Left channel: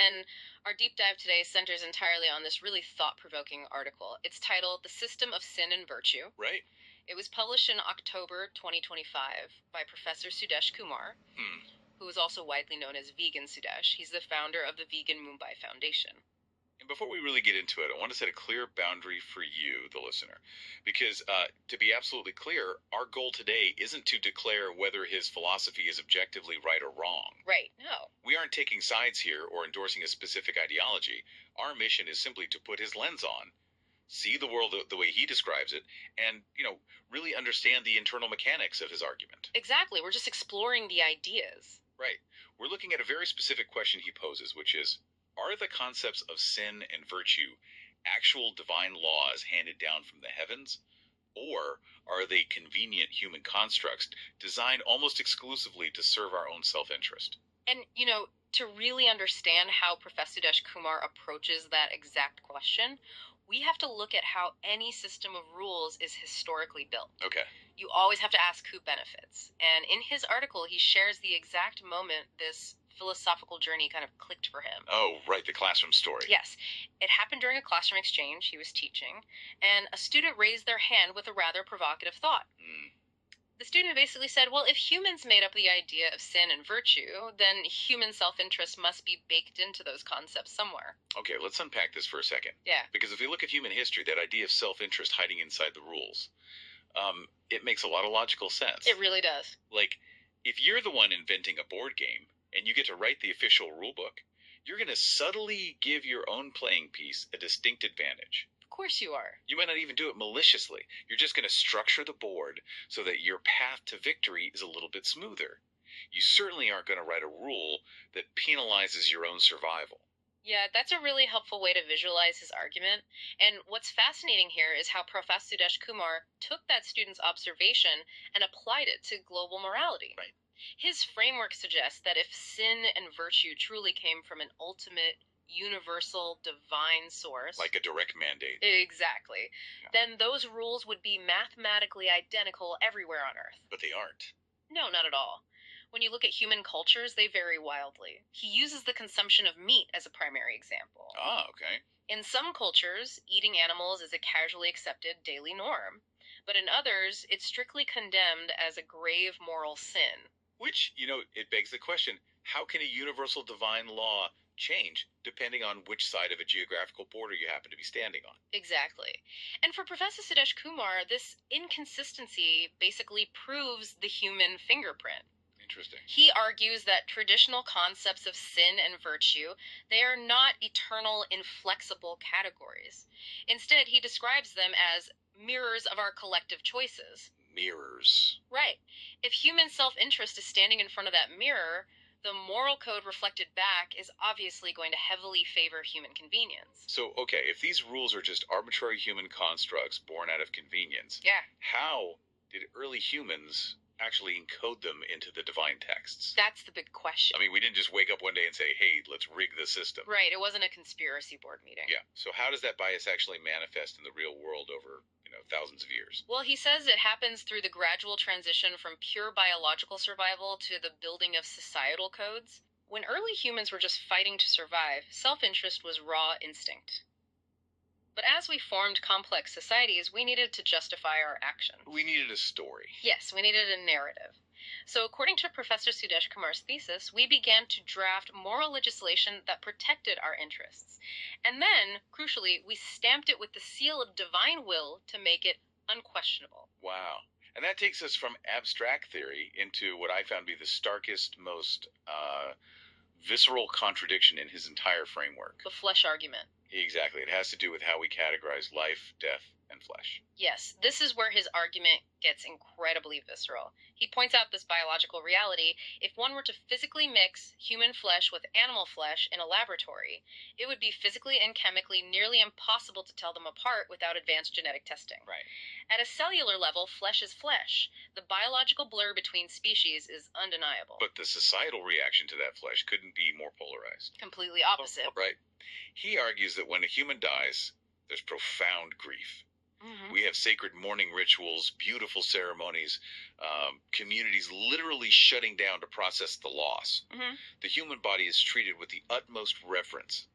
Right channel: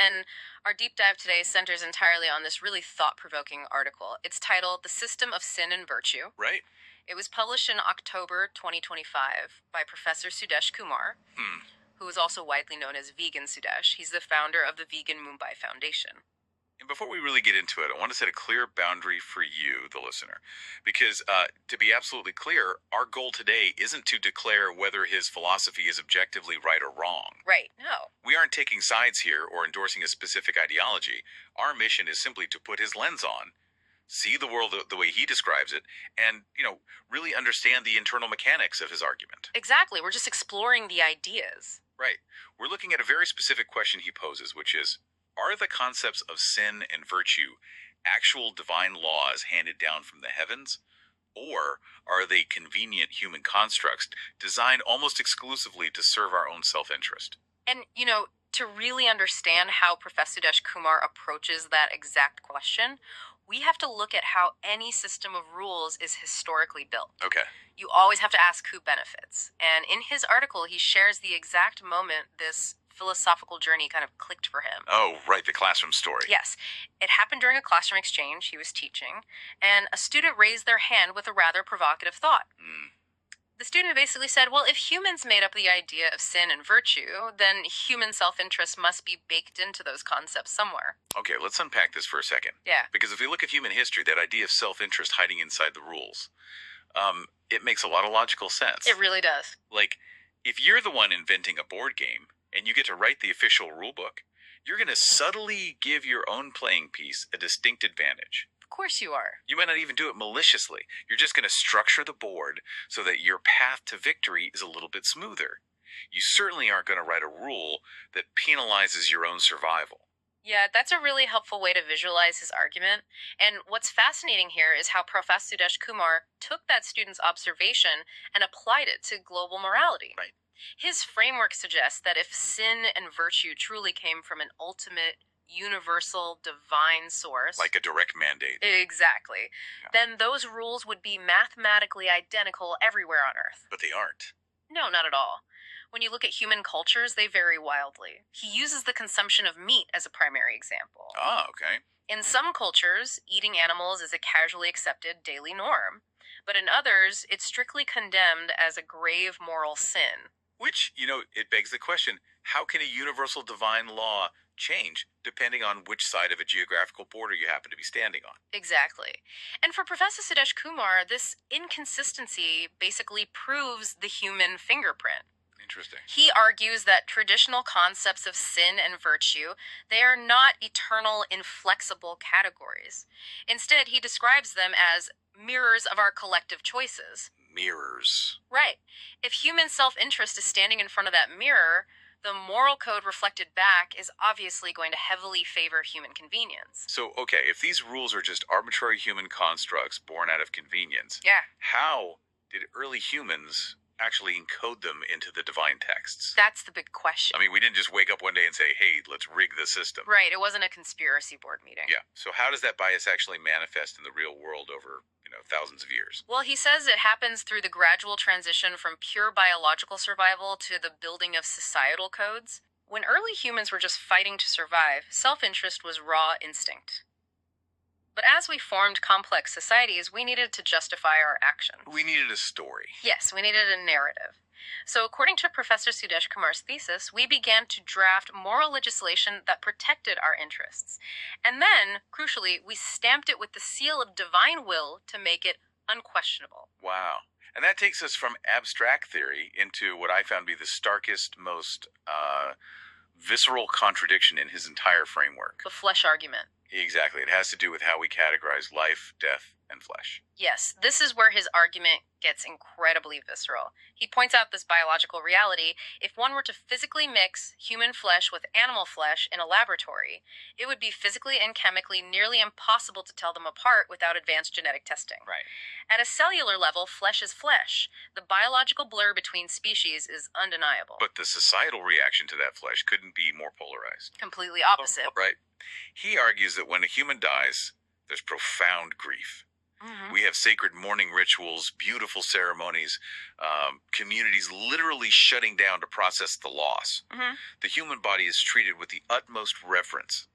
and our deep dive today centers entirely on this really thought-provoking article. It's titled The System of Sin and Virtue. Right. It was published in October 2025 by Professor Sudesh Kumar, who is also widely known as Vegan Sudesh. He's the founder of the Vegan Mumbai Foundation. And before we really get into it, I want to set a clear boundary for you, the listener. Because to be absolutely clear, our goal today isn't to declare whether his philosophy is objectively right or wrong. Right, no. We aren't taking sides here or endorsing a specific ideology. Our mission is simply to put his lens on, see the world the way he describes it, and, really understand the internal mechanics of his argument. Exactly, we're just exploring the ideas. Right. We're looking at a very specific question he poses, which is, are the concepts of sin and virtue actual divine laws handed down from the heavens? Or are they convenient human constructs designed almost exclusively to serve our own self-interest? And, to really understand how Professor Sudesh Kumar approaches that exact question, we have to look at how any system of rules is historically built. Okay. You always have to ask who benefits. And in his article, he shares the exact moment this philosophical journey kind of clicked for him. Oh, right, the classroom story. Yes. It happened during a classroom exchange he was teaching, and a student raised their hand with a rather provocative thought. The student basically said, well, if humans made up the idea of sin and virtue, then human self-interest must be baked into those concepts somewhere. Okay, let's unpack this for a second. Yeah. Because if we look at human history, that idea of self-interest hiding inside the rules, it makes a lot of logical sense. It really does. Like, if you're the one inventing a board game, and you get to write the official rule book, you're going to subtly give your own playing piece a distinct advantage. Of course you are. You might not even do it maliciously. You're just going to structure the board so that your path to victory is a little bit smoother. You certainly aren't going to write a rule that penalizes your own survival. Yeah, that's a really helpful way to visualize his argument. And what's fascinating here is how Professor Sudesh Kumar took that student's observation and applied it to global morality. Right. His framework suggests that if sin and virtue truly came from an ultimate, universal, divine source... Like a direct mandate. Exactly. Yeah. Then those rules would be mathematically identical everywhere on Earth. But they aren't. No, not at all. When you look at human cultures, they vary wildly. He uses the consumption of meat as a primary example. Ah, okay. In some cultures, eating animals is a casually accepted daily norm. But in others, it's strictly condemned as a grave moral sin. Which, it begs the question, how can a universal divine law change depending on which side of a geographical border you happen to be standing on? Exactly. And for Professor Sudesh Kumar, this inconsistency basically proves the human fingerprint. Interesting. He argues that traditional concepts of sin and virtue, they are not eternal, inflexible categories. Instead, he describes them as mirrors of our collective choices. Mirrors. Right. If human self-interest is standing in front of that mirror, the moral code reflected back is obviously going to heavily favor human convenience. So, okay, if these rules are just arbitrary human constructs born out of convenience, yeah, how did early humans actually encode them into the divine texts? That's the big question. I mean, we didn't just wake up one day and say, hey, let's rig the system. Right, it wasn't a conspiracy board meeting. Yeah, so how does that bias actually manifest in the real world over, thousands of years? Well, he says it happens through the gradual transition from pure biological survival to the building of societal codes. When early humans were just fighting to survive, self-interest was raw instinct. But as we formed complex societies, we needed to justify our actions. We needed a story. Yes, we needed a narrative. So according to Professor Sudesh Kumar's thesis, we began to draft moral legislation that protected our interests. And then, crucially, we stamped it with the seal of divine will to make it unquestionable. Wow. And that takes us from abstract theory into what I found to be the starkest, most visceral contradiction in his entire framework. The flesh argument. Exactly. It has to do with how we categorize life, death, and flesh. Yes, this is where his argument gets incredibly visceral. He points out this biological reality. If one were to physically mix human flesh with animal flesh in a laboratory, it would be physically and chemically nearly impossible to tell them apart without advanced genetic testing. Right. At a cellular level, flesh is flesh. The biological blur between species is undeniable. But the societal reaction to that flesh couldn't be more polarized. Completely opposite. Right. He argues that when a human dies, there's profound grief. Mm-hmm. We have sacred morning rituals, beautiful ceremonies, communities literally shutting down to process the loss. Mm-hmm. The human body is treated with the utmost reverence.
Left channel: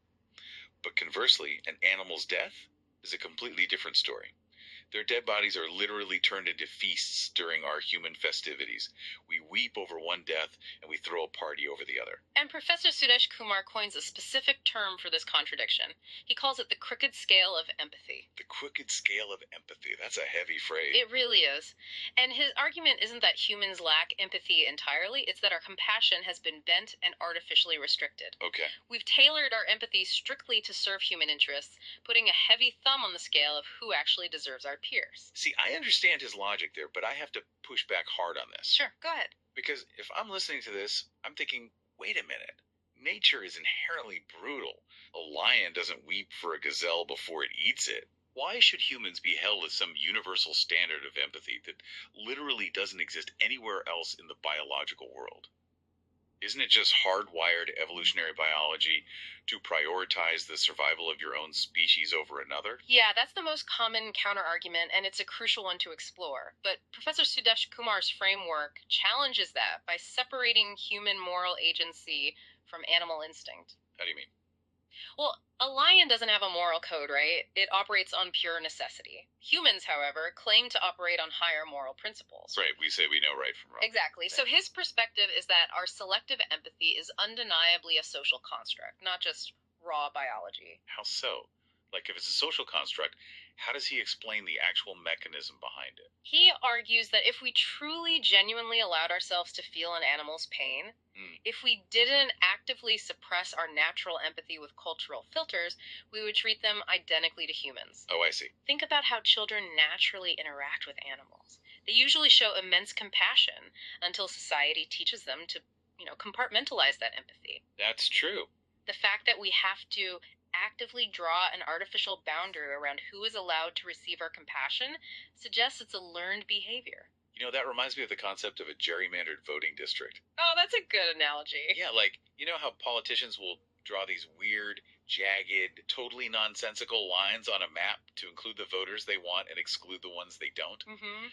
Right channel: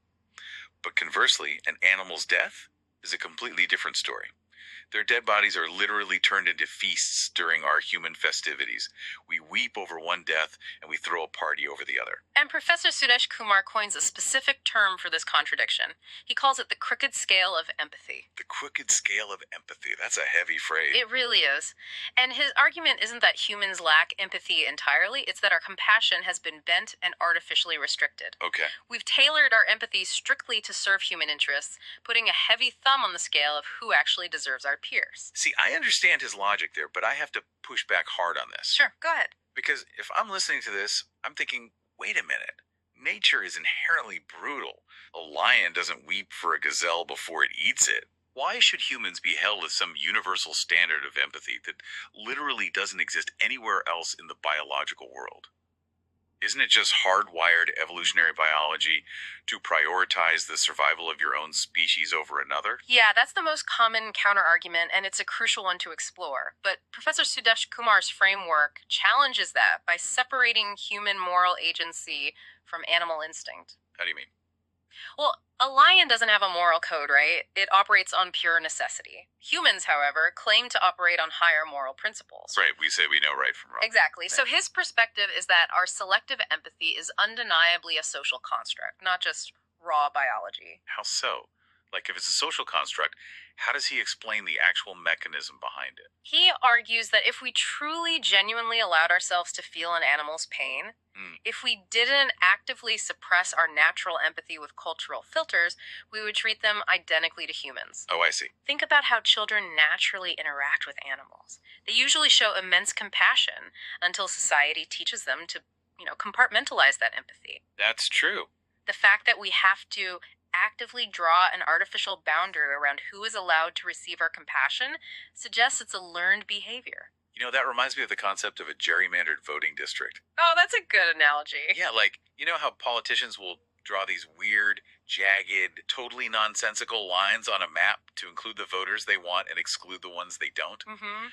But conversely, an animal's death is a completely different story. Their dead bodies are literally turned into feasts during our human festivities. We weep over one death and we throw a party over the other. And Professor Sudesh Kumar coins a specific term for this contradiction. He calls it the crooked scale of empathy. The crooked scale of empathy. That's a heavy phrase. It really is. And his argument isn't that humans lack empathy entirely, it's that our compassion has been bent and artificially restricted. Okay. We've tailored our empathy strictly to serve human interests, putting a heavy thumb on the scale of who actually deserves our peers. See, I understand his logic there, but I have to push back hard on this. Sure, go ahead. Because if I'm listening to this, I'm thinking, wait a minute. Nature is inherently brutal. A lion doesn't weep for a gazelle before it eats it. Why should humans be held to some universal standard of empathy that literally doesn't exist anywhere else in the biological world? Isn't it just hardwired evolutionary biology to prioritize the survival of your own species over another? Yeah, that's the most common counterargument, and it's a crucial one to explore. But Professor Sudesh Kumar's framework challenges that by separating human moral agency from animal instinct. How do you mean? Well, a lion doesn't have a moral code, right? It operates on pure necessity. Humans, however, claim to operate on higher moral principles. Right, we say we know right from wrong. Exactly. So his perspective is that our selective empathy is undeniably a social construct, not just raw biology. How so? Like, if it's a social construct, how does he explain the actual mechanism behind it? He argues that if we truly, genuinely allowed ourselves to feel an animal's pain, if we didn't actively suppress our natural empathy with cultural filters, we would treat them identically to humans. Oh, I see. Think about how children naturally interact with animals. They usually show immense compassion until society teaches them to, compartmentalize that empathy. That's true. The fact that we have to actively draw an artificial boundary around who is allowed to receive our compassion suggests it's a learned behavior. That reminds me of the concept of a gerrymandered voting district. Oh, that's a good analogy. Yeah, like, how politicians will draw these weird, jagged, totally nonsensical lines on a map to include the voters they want and exclude the ones they don't? Mm-hmm.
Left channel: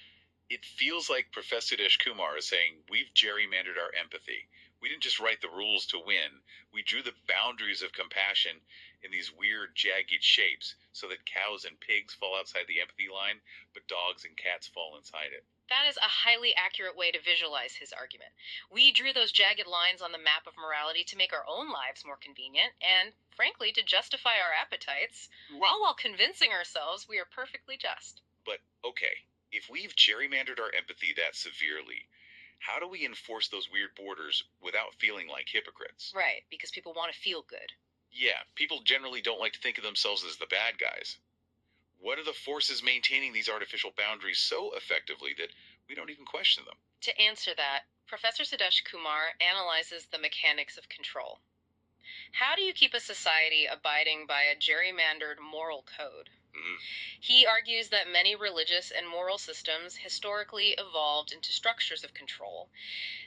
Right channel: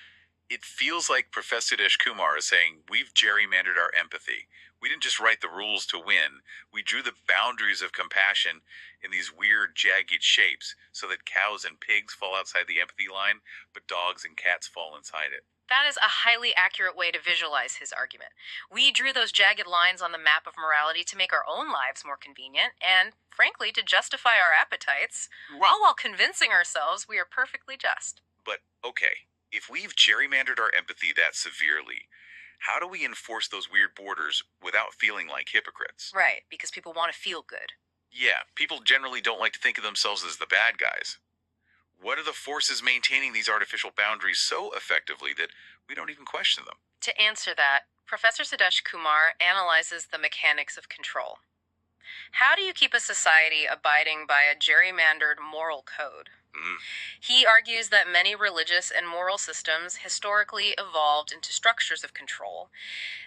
It feels like Professor Sudesh Kumar is saying we've gerrymandered our empathy. We didn't just write the rules to win. We drew the boundaries of compassion in these weird, jagged shapes so that cows and pigs fall outside the empathy line, but dogs and cats fall inside it. That is a highly accurate way to visualize his argument. We drew those jagged lines on the map of morality to make our own lives more convenient and, frankly, to justify our appetites, all while convincing ourselves we are perfectly just. But, okay, if we've gerrymandered our empathy that severely, how do we enforce those weird borders without feeling like hypocrites? Right, because people want to feel good. Yeah, people generally don't like to think of themselves as the bad guys. What are the forces maintaining these artificial boundaries so effectively that we don't even question them? To answer that, Professor Sudesh Kumar analyzes the mechanics of control. How do you keep a society abiding by a gerrymandered moral code? He argues that many religious and moral systems historically evolved into structures of control.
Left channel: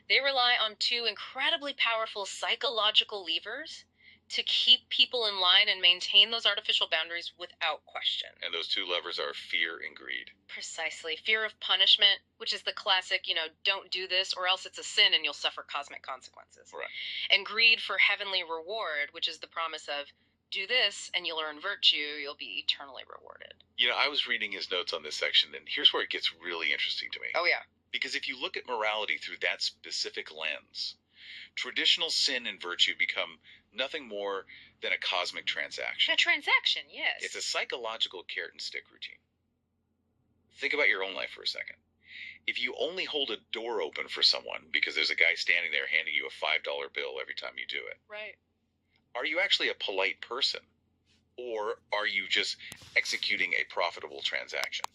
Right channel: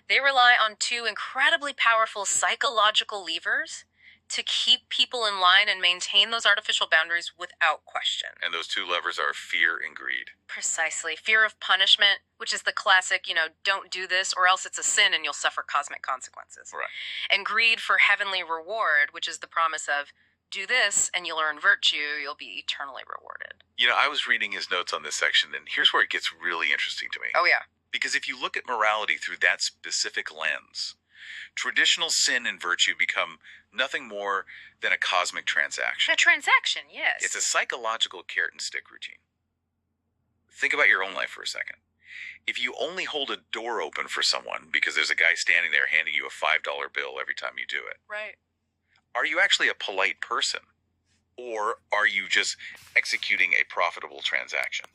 They rely on two incredibly powerful psychological levers to keep people in line and maintain those artificial boundaries without question. And those two levers are fear and greed. Precisely. Fear of punishment, which is the classic, don't do this or else it's a sin and you'll suffer cosmic consequences. Right. And greed for heavenly reward, which is the promise of do this and you'll earn virtue, you'll be eternally rewarded. I was reading his notes on this section, and here's where it gets really interesting to me. Oh, yeah. Because if you look at morality through that specific lens, traditional sin and virtue become nothing more than a cosmic transaction. A transaction, yes. It's a psychological carrot and stick routine. Think about your own life for a second. If you only hold a door open for someone because there's a guy standing there handing you a $5 bill every time you do it, right. Are you actually a polite person? Or are you just executing a profitable transaction?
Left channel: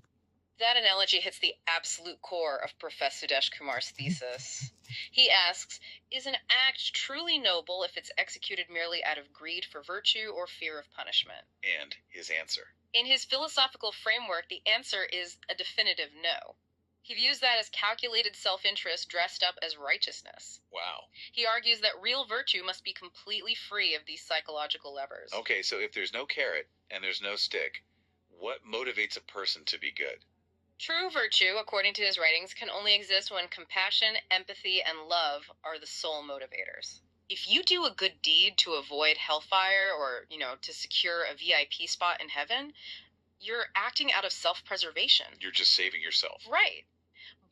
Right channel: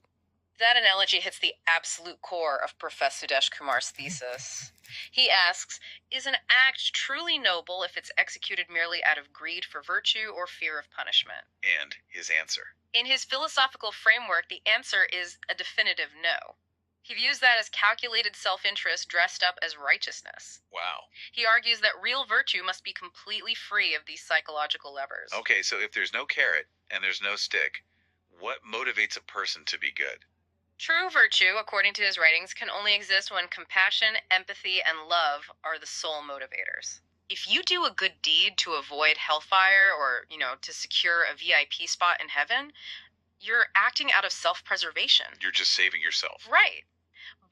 That analogy hits the absolute core of Professor Sudesh Kumar's thesis. He asks, is an act truly noble if it's executed merely out of greed for virtue or fear of punishment? And his answer. In his philosophical framework, the answer is a definitive no. He views that as calculated self-interest dressed up as righteousness. Wow. He argues that real virtue must be completely free of these psychological levers. Okay, so if there's no carrot and there's no stick, What motivates a person to be good? True virtue, according to his writings, can only exist when compassion, empathy, and love are the sole motivators. If you do a good deed to avoid hellfire or, to secure a VIP spot in heaven, you're acting out of self preservation. You're just saving yourself. Right.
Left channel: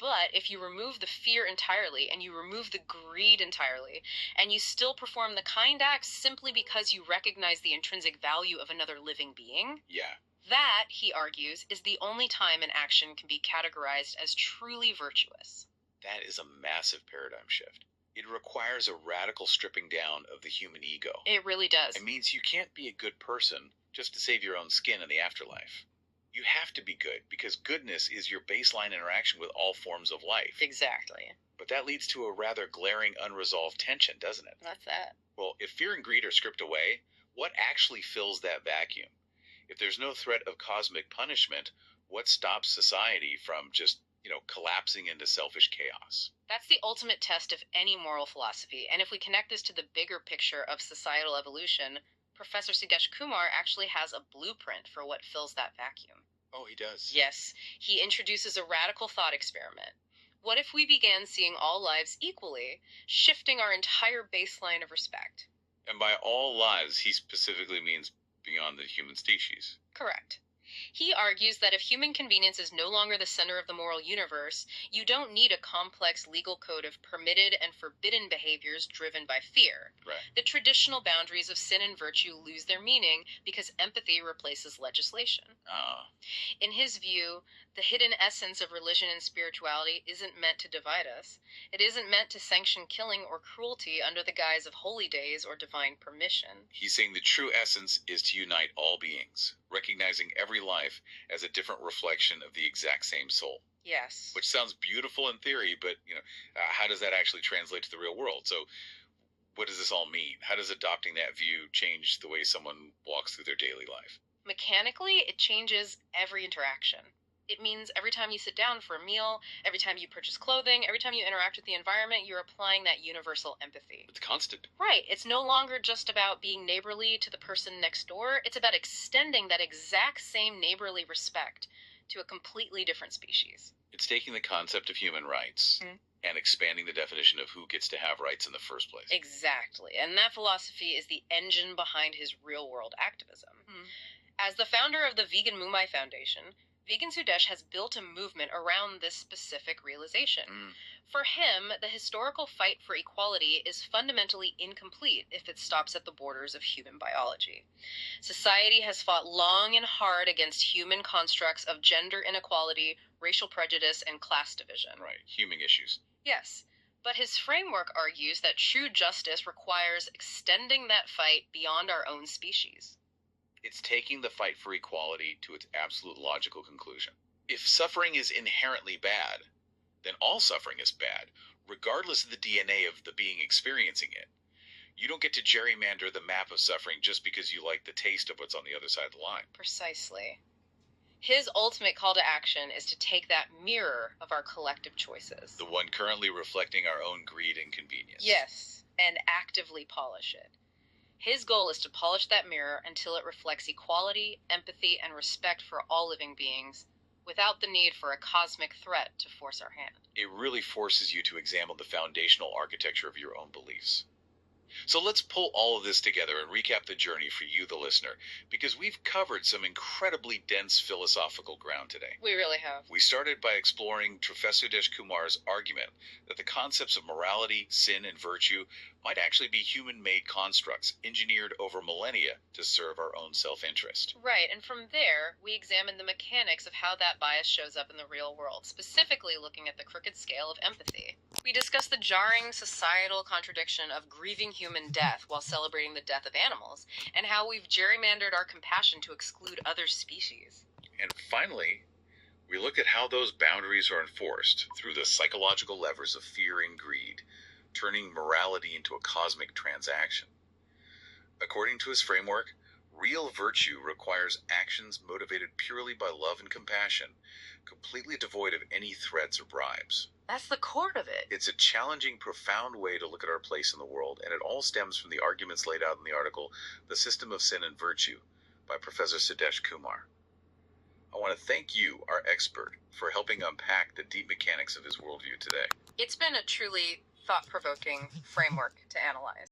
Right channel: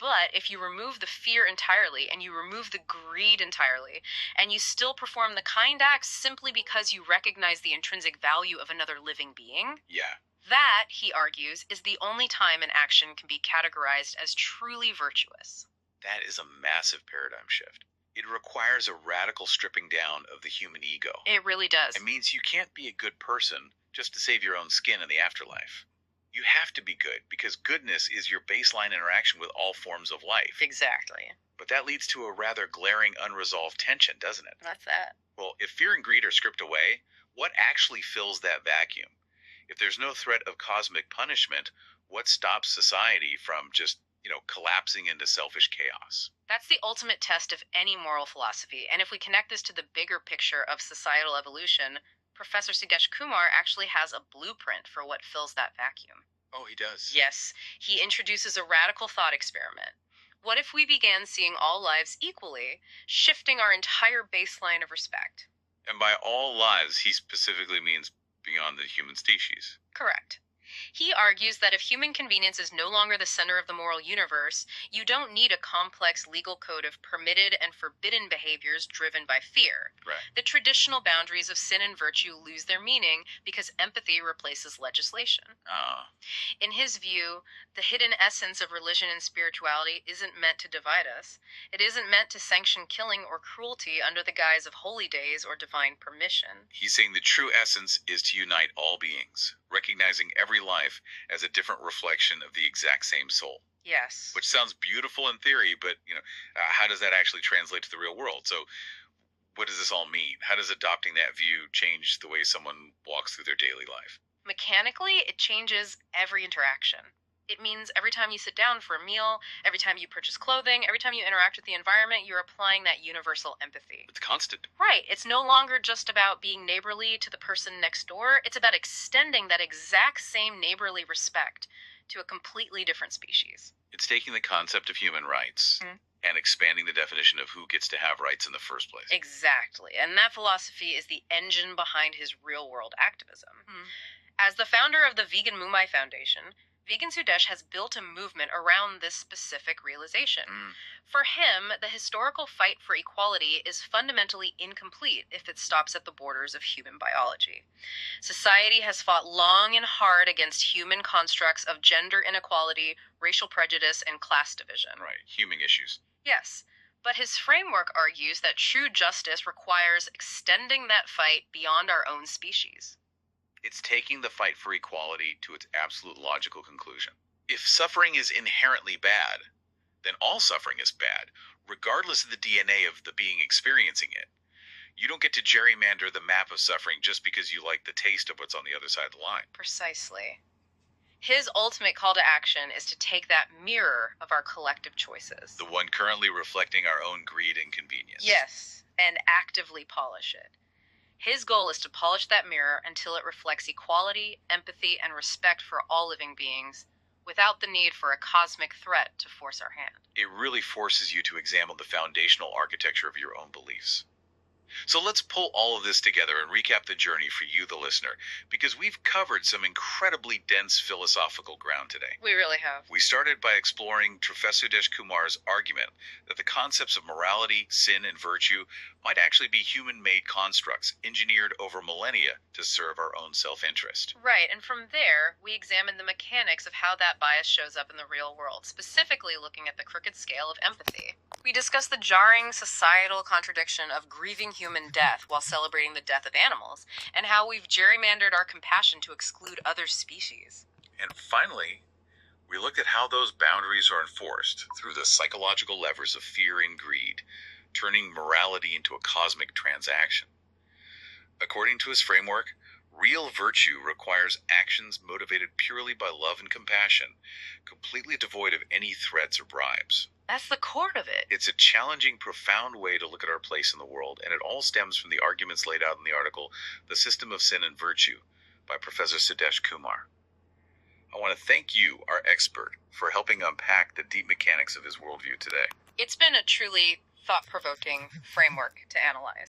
But if you remove the fear entirely and you remove the greed entirely, and you still perform the kind acts simply because you recognize the intrinsic value of another living being, Yeah. that, he argues, is the only time an action can be categorized as truly virtuous. That is a massive paradigm shift. It requires a radical stripping down of the human ego. It really does. It means you can't be a good person just to save your own skin in the afterlife. You have to be good because goodness is your baseline interaction with all forms of life. Exactly. But that leads to a rather glaring unresolved tension, doesn't it? That's that. Well, if fear and greed are stripped away, what actually fills that vacuum? If there's no threat of cosmic punishment, what stops society from just, collapsing into selfish chaos? That's the ultimate test of any moral philosophy. And if we connect this to the bigger picture of societal evolution, Professor Sudesh Kumar actually has a blueprint for what fills that vacuum. Oh, he does. Yes, he introduces a radical thought experiment. What if we began seeing all lives equally, shifting our entire baseline of respect? And by all lives, he specifically means beyond the human species. Correct. He argues that if human convenience is no longer the center of the moral universe, you don't need a complex legal code of permitted and forbidden behaviors driven by fear. Right. The traditional boundaries of sin and virtue lose their meaning because empathy replaces legislation. In his view, the hidden essence of religion and spirituality isn't meant to divide us. It isn't meant to sanction killing or cruelty under the guise of holy days or divine permission. He's saying the true essence is to unite all beings, recognizing every life as a different reflection of the exact same soul. Yes. Which sounds beautiful in theory, but, how does that actually translate to the real world? So what does this all mean? How does adopting that view change the way someone walks through their daily life? Mechanically, it changes every interaction. It means every time you sit down for a meal, every time you purchase clothing, every time you interact with the environment, you're applying that universal empathy. It's constant. Right. It's no longer just about being neighborly to the person next door. It's about extending that exact same neighborly respect to a completely different species. It's taking the concept of human rights and expanding the definition of who gets to have rights in the first place. Exactly. And that philosophy is the engine behind his real-world activism. As the founder of the Vegan Mumbai Foundation, Vegan Sudesh has built a movement around this specific realization. For him, the historical fight for equality is fundamentally incomplete if it stops at the borders of human biology. Society has fought long and hard against human constructs of gender inequality, racial prejudice, and class division. Right, human issues. Yes, but his framework argues that true justice requires extending that fight beyond our own species. It's taking the fight for equality to its absolute logical conclusion. If suffering is inherently bad, then all suffering is bad, regardless of the DNA of the being experiencing it. You don't get to gerrymander the map of suffering just because you like the taste of what's on the other side of the line. Precisely. His ultimate call to action is to take that mirror of our collective choices. The one currently reflecting our own greed and convenience. Yes, and actively polish it. His goal is to polish that mirror until it reflects equality, empathy, and respect for all living beings, without the need for a cosmic threat to force our hand. It really forces you to examine the foundational architecture of your own beliefs. So let's pull all of this together and recap the journey for you, the listener, because we've covered some incredibly dense philosophical ground today. We really have. We started by exploring Professor Sudesh Kumar's argument that the concepts of morality, sin, and virtue might actually be human-made constructs engineered over millennia to serve our own self-interest. Right, and from there, we examined the mechanics of how that bias shows up in the real world, specifically looking at the crooked scale of empathy. We discussed the jarring societal contradiction of grieving human death while celebrating the death of animals, and how we've gerrymandered our compassion to exclude other species. And finally, we looked at how those boundaries are enforced through the psychological levers of fear and greed, turning morality into a cosmic transaction. According to his framework, real virtue requires actions motivated purely by love and compassion, completely devoid of any threats or bribes. That's the core of it. It's a challenging, profound way to look at our place in the world, and it all stems from the arguments laid out in the article, The System of Sin and Virtue, by Professor Sudesh Kumar. I want to thank you, our expert, for helping unpack the deep mechanics of his worldview today. It's been a truly thought-provoking framework to analyze.